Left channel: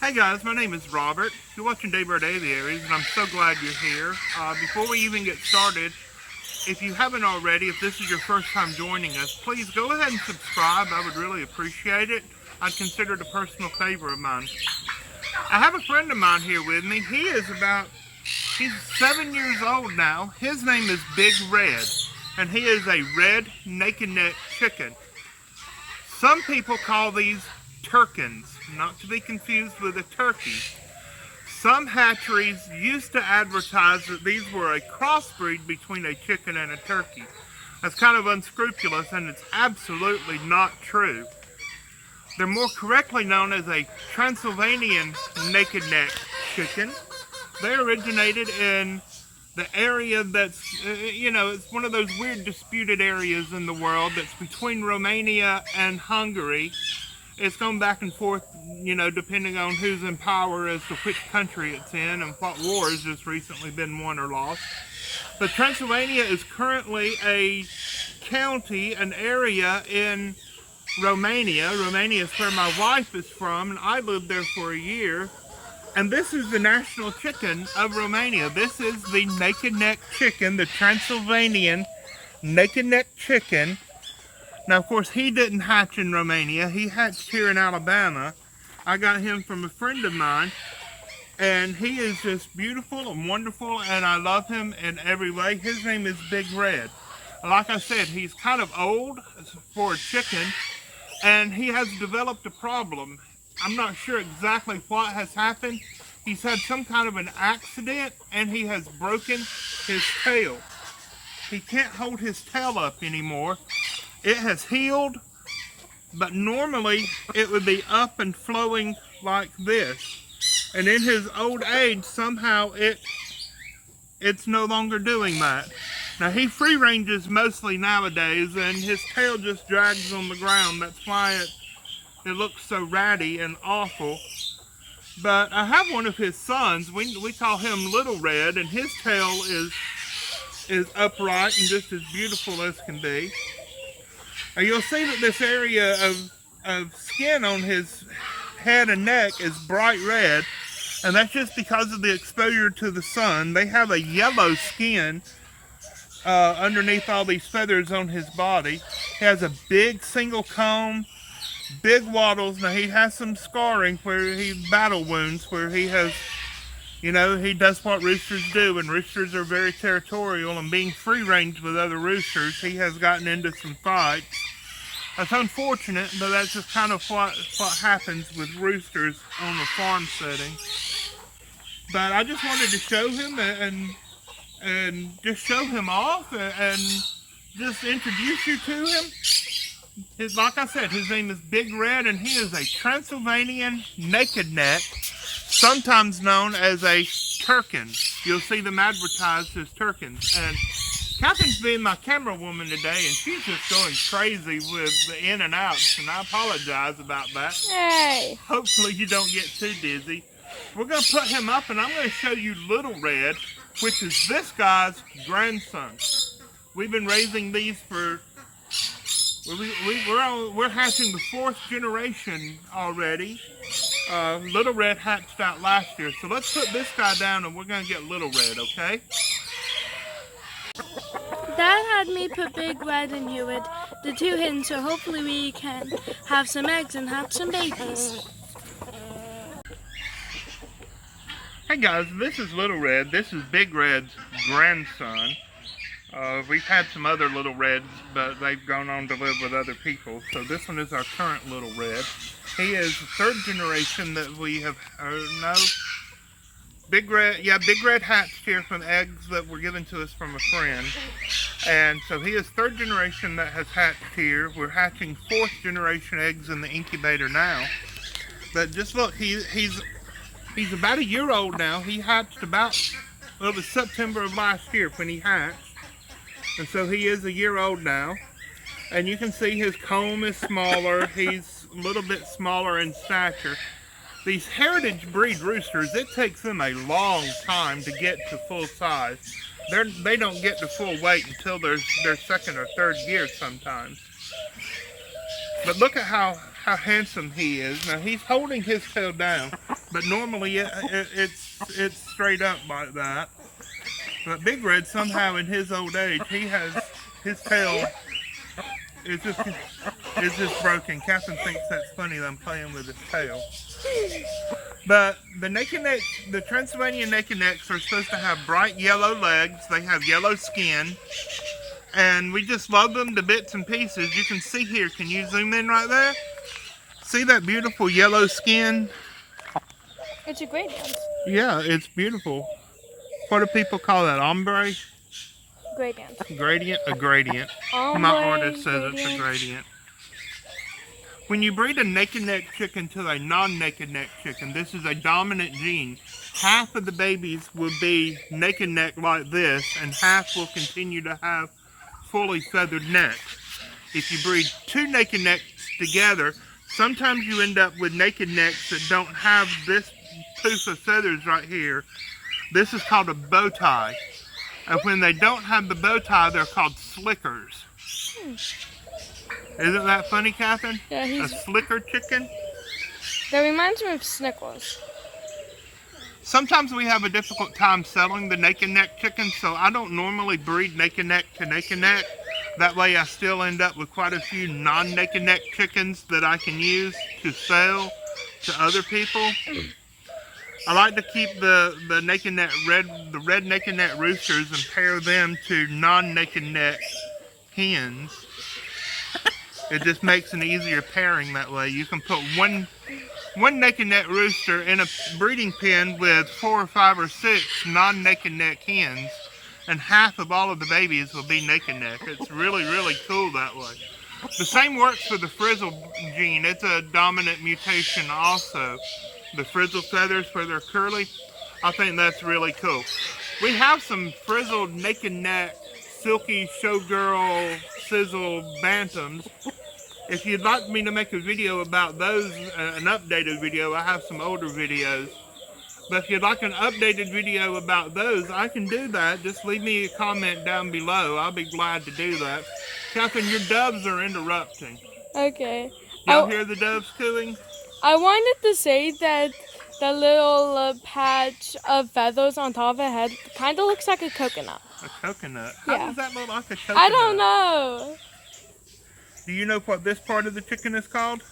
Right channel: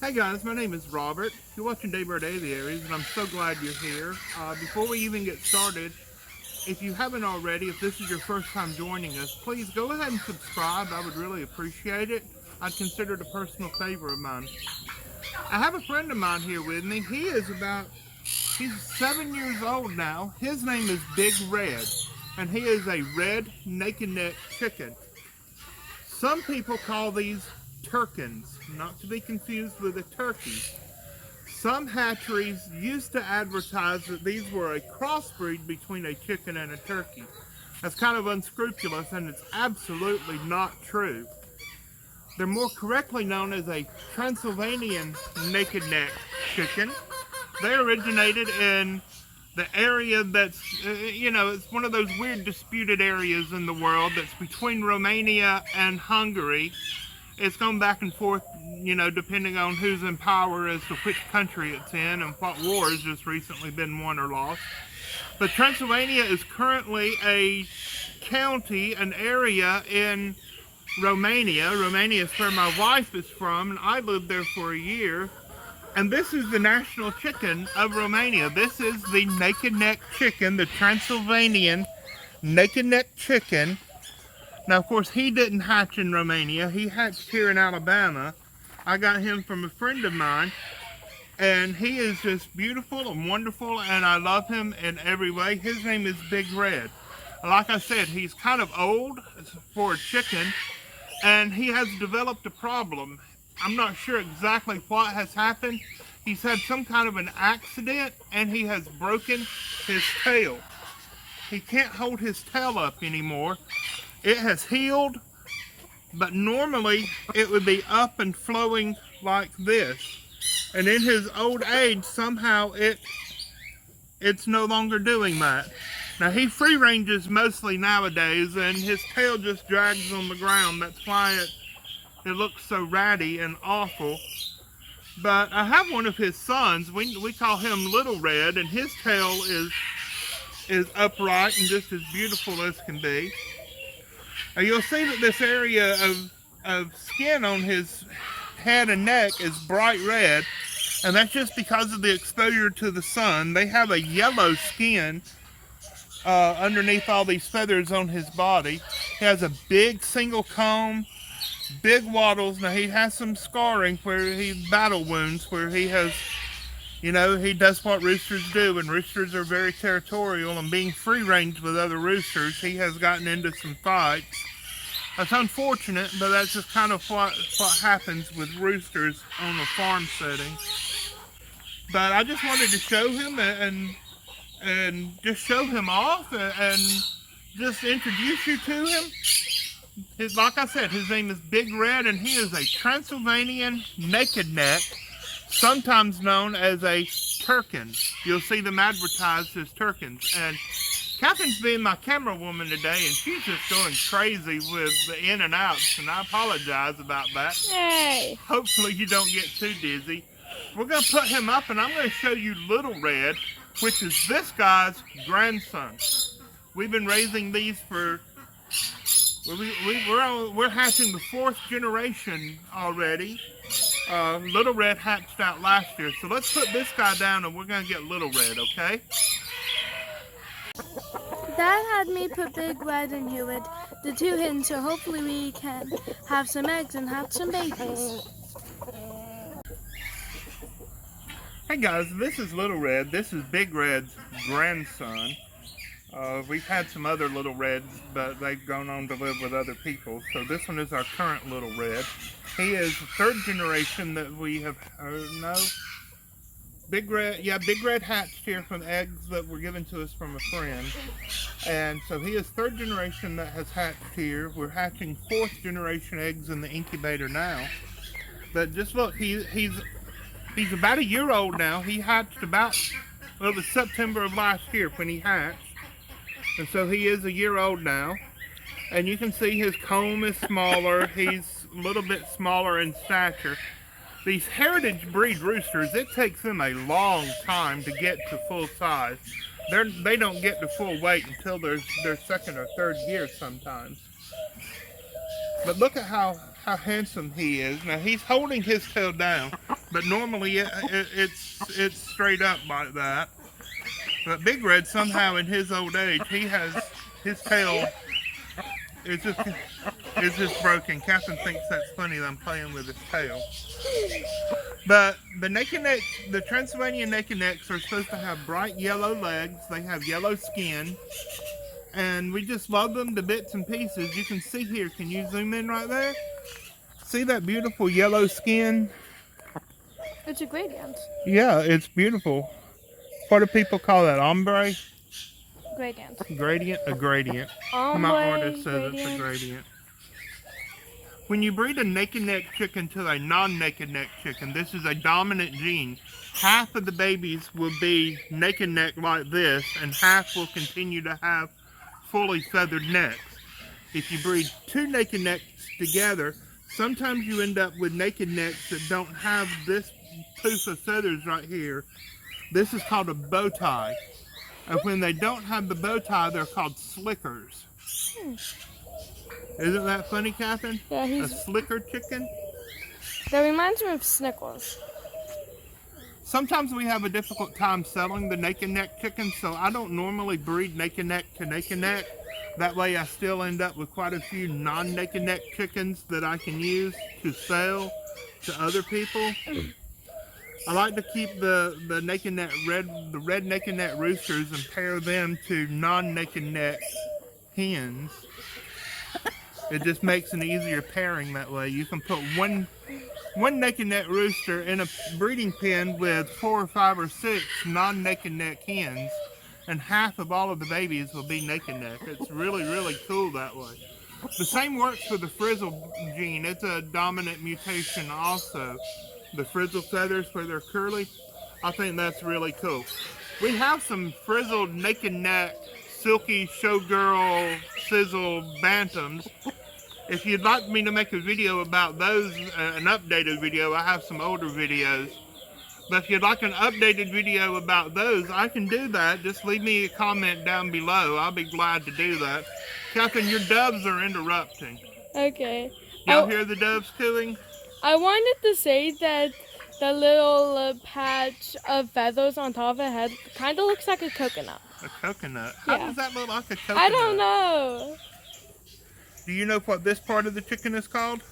Hey guys, my name is Robert. You're watching Daybird Aviaries, and I'm so glad you're here. Before we even get started, if you haven't already, if this is your first time joining us, please go ahead and subscribe. I would really appreciate it. I'd consider it a personal favor of mine. I have a friend of mine here with me. He's 7 years old now. His name is Big Red, and he is a red naked neck chicken. Some people call these Turkens, not to be confused with a turkey. Some hatcheries used to advertise that these were a crossbreed between a chicken and a turkey. That's kind of unscrupulous, and it's absolutely not true. They're more correctly known as a Transylvanian naked neck chicken. They originated in the area that's, it's one of those weird disputed areas in the world that's between Romania and Hungary. It's gone back and forth, depending on who's in power as to which country it's in and what war has just recently been won or lost. But Transylvania is currently a county, an area in Romania. Romania is where my wife is from, and I lived there for a year. And this is the national chicken of Romania. This is the naked neck chicken, the Transylvanian naked neck chicken. Now, of course, he didn't hatch in Romania. He hatched here in Alabama. I got him from a friend of mine, and he is just beautiful and wonderful, and I love him in every way. His name is Big Red. Like I said, he's kind of old for a chicken, and he has developed a problem. I'm not sure exactly what has happened. He's had some kind of an accident, and he has broken his tail. He can't hold his tail up anymore. It has healed, but normally it would be up and flowing like this. And in his old age, somehow it's no longer doing that. Now, he free ranges mostly nowadays, and his tail just drags on the ground. That's why it looks so ratty and awful. But I have one of his sons. We call him Little Red, and his tail is upright and just as beautiful as can be. You'll see that this area of skin on his head and neck is bright red, and that's just because of the exposure to the sun. They have a yellow skin underneath all these feathers on his body. He has a big single comb, big wattles. Now, he has some scarring battle wounds where he has, he does what roosters do, and roosters are very territorial, and being free range with other roosters, he has gotten into some fights. That's unfortunate, but that's just kind of what happens with roosters on a farm setting. But I just wanted to show him and just show him off and just introduce you to him. Like I said, his name is Big Red, and he is a Transylvanian naked neck, sometimes known as a Turkens. You'll see them advertised as Turkens. And Catherine's being my camera woman today, and she's just going crazy with the in and outs, and I apologize about that. Hey! Hopefully you don't get too dizzy. We're going to put him up, and I'm going to show you Little Red, which is this guy's grandson. We've been raising these for... We're hatching the 4th generation already. Little Red hatched out last year. So let's put this guy down, and we're going to get Little Red, okay? Dad had me put Big Red in here with the 2 hens, so hopefully we can have some eggs and hatch some babies. Hey guys, this is Little Red. This is Big Red's grandson. We've had some other Little Reds, but they've gone on to live with other people. So this one is our current Little Red. He is the 3rd generation that we have, Big Red hatched here from eggs that were given to us from a friend. And so he is 3rd generation that has hatched here. We're hatching 4th generation eggs in the incubator now. But just look, he's about a year old now. He hatched it was September of last year when he hatched. And so he is a year old now. And you can see his comb is smaller. He's a little bit smaller in stature. These heritage breed roosters, it takes them a long time to get to full size. They don't get to full weight until their 2nd or 3rd year sometimes. But look at how handsome he is. Now he's holding his tail down. but normally it's straight up like that. But Big Red, somehow in his old age, he has his tail is just broken. Captain thinks that's funny that I'm playing with his tail. But the naked necks, the Transylvanian naked necks are supposed to have bright yellow legs. They have yellow skin. And we just love them to bits and pieces. You can see here, can you zoom in right there? See that beautiful yellow skin? It's a gradient. Yeah, it's beautiful. What do people call that? Ombre? Gradient. Gradient? A gradient. Ombre, My artist says gradient. it's a gradient. When you breed a naked neck chicken to a non-naked neck chicken, this is a dominant gene. Half of the babies will be naked neck like this, and half will continue to have fully feathered necks. If you breed two naked necks together, sometimes you end up with naked necks that don't have this poof of feathers right here. This is called a bow tie. And when they don't have the bow tie, they're called slickers. Isn't that funny, Catherine? Yeah, A slicker chicken? That reminds me of Snickles. Sometimes we have a difficult time selling the naked neck chickens, so I don't normally breed naked neck to naked neck. That way I still end up with quite a few non-naked neck chickens that I can use to sell to other people. I like to keep the naked neck red naked neck roosters and pair them to non-naked neck hens. It just makes an easier pairing that way. You can put one naked neck rooster in a breeding pen with 4 or 5 or 6 non-naked neck hens, and half of all of the babies will be naked neck. It's really, really cool that way. The same works for the frizzle gene. It's a dominant mutation also. The frizzle feathers where they're curly, I think that's really cool. We have some frizzled naked neck, silky showgirl sizzle bantams. If you'd like me to make a video about those, an updated video, I have some older videos. But if you'd like an updated video about those, I can do that. Just leave me a comment down below. I'll be glad to do that. Catherine, your doves are interrupting. Okay. Y'all hear the doves cooing? I wanted to say that the little patch of feathers on top of the head kind of looks like a coconut. A coconut? How Yeah. does that look like a coconut? I don't know. Do you know what this part of the chicken is called?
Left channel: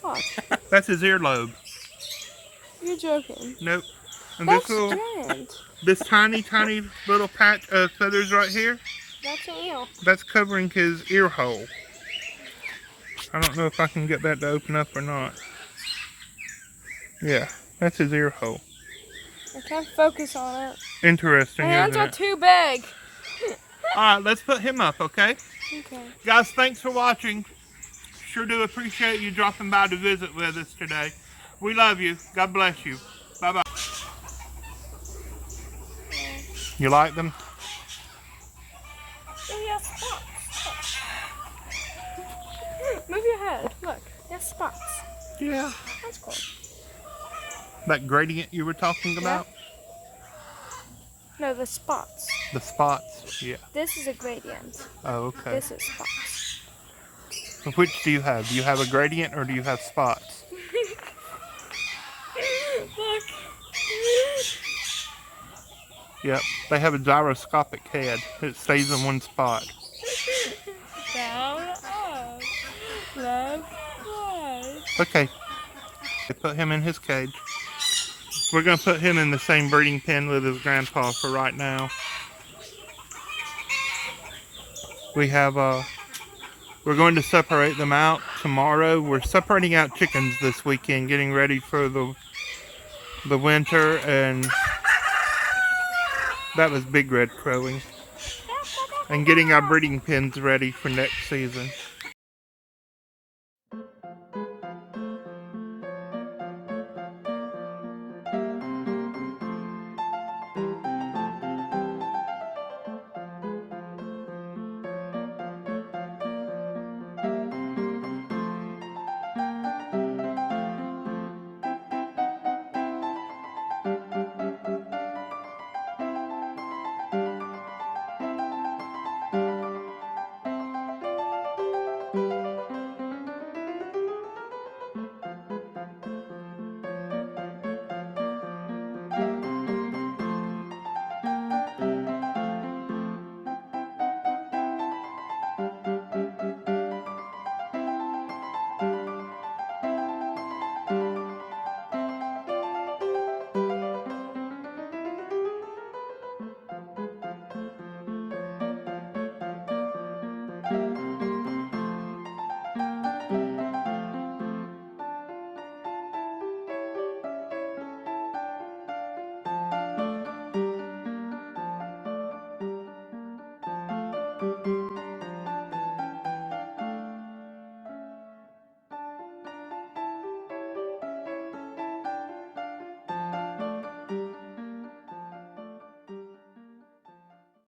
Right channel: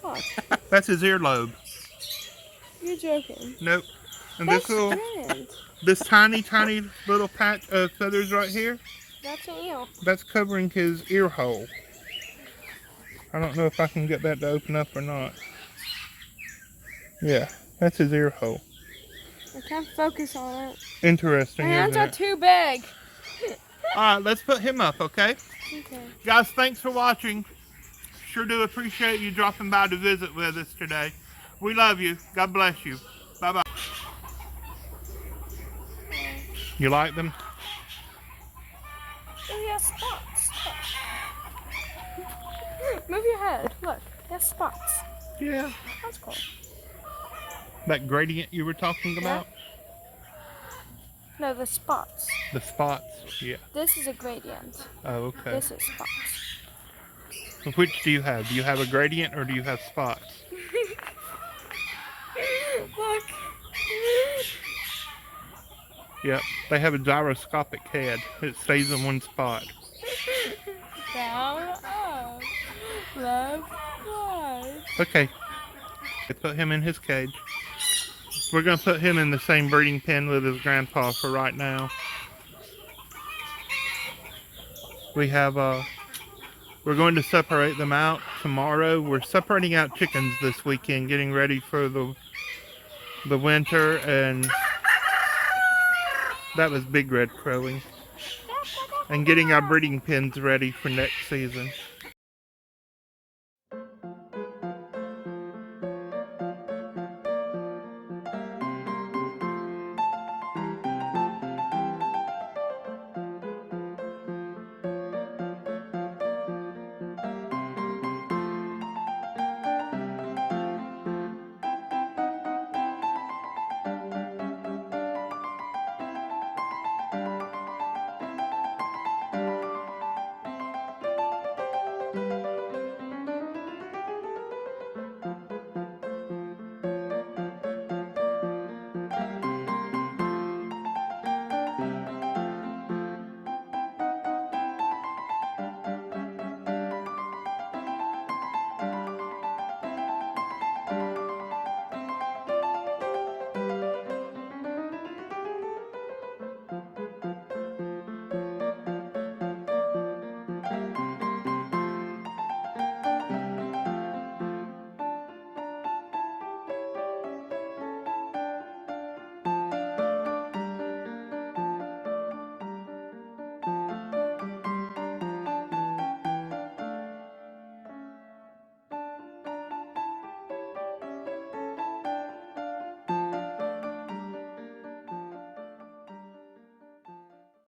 What? That's his earlobe. You're joking. Nope. And That's this giant. this tiny little patch of feathers right here, That's an eel. that's covering his ear hole. I don't know if I can get that to open up or not. Yeah, that's his ear hole. I can't focus on it. Interesting, My hands isn't are it? too big. Alright, let's put him up, okay? Okay. Guys, thanks for watching. Sure do appreciate you dropping by to visit with us today. We love you. God bless you. Bye-bye. You like them? Oh, he has spots. Look. Move your head. Look, he has spots. Yeah. That's cool. That gradient you were talking about? No, the spots. The spots? Yeah. This is a gradient. Oh, okay. This is spots. Which do you have? Do you have a gradient or do you have spots? Look. Yep. They have a gyroscopic head. It stays in one spot. Down, up, left, right. Okay. Put him in his cage. We're going to put him in the same breeding pen with his grandpa for right now. We have, we're going to separate them out tomorrow. We're separating out chickens this weekend, getting ready for the winter, and that was Big Red crowing. And getting our breeding pens ready for next season.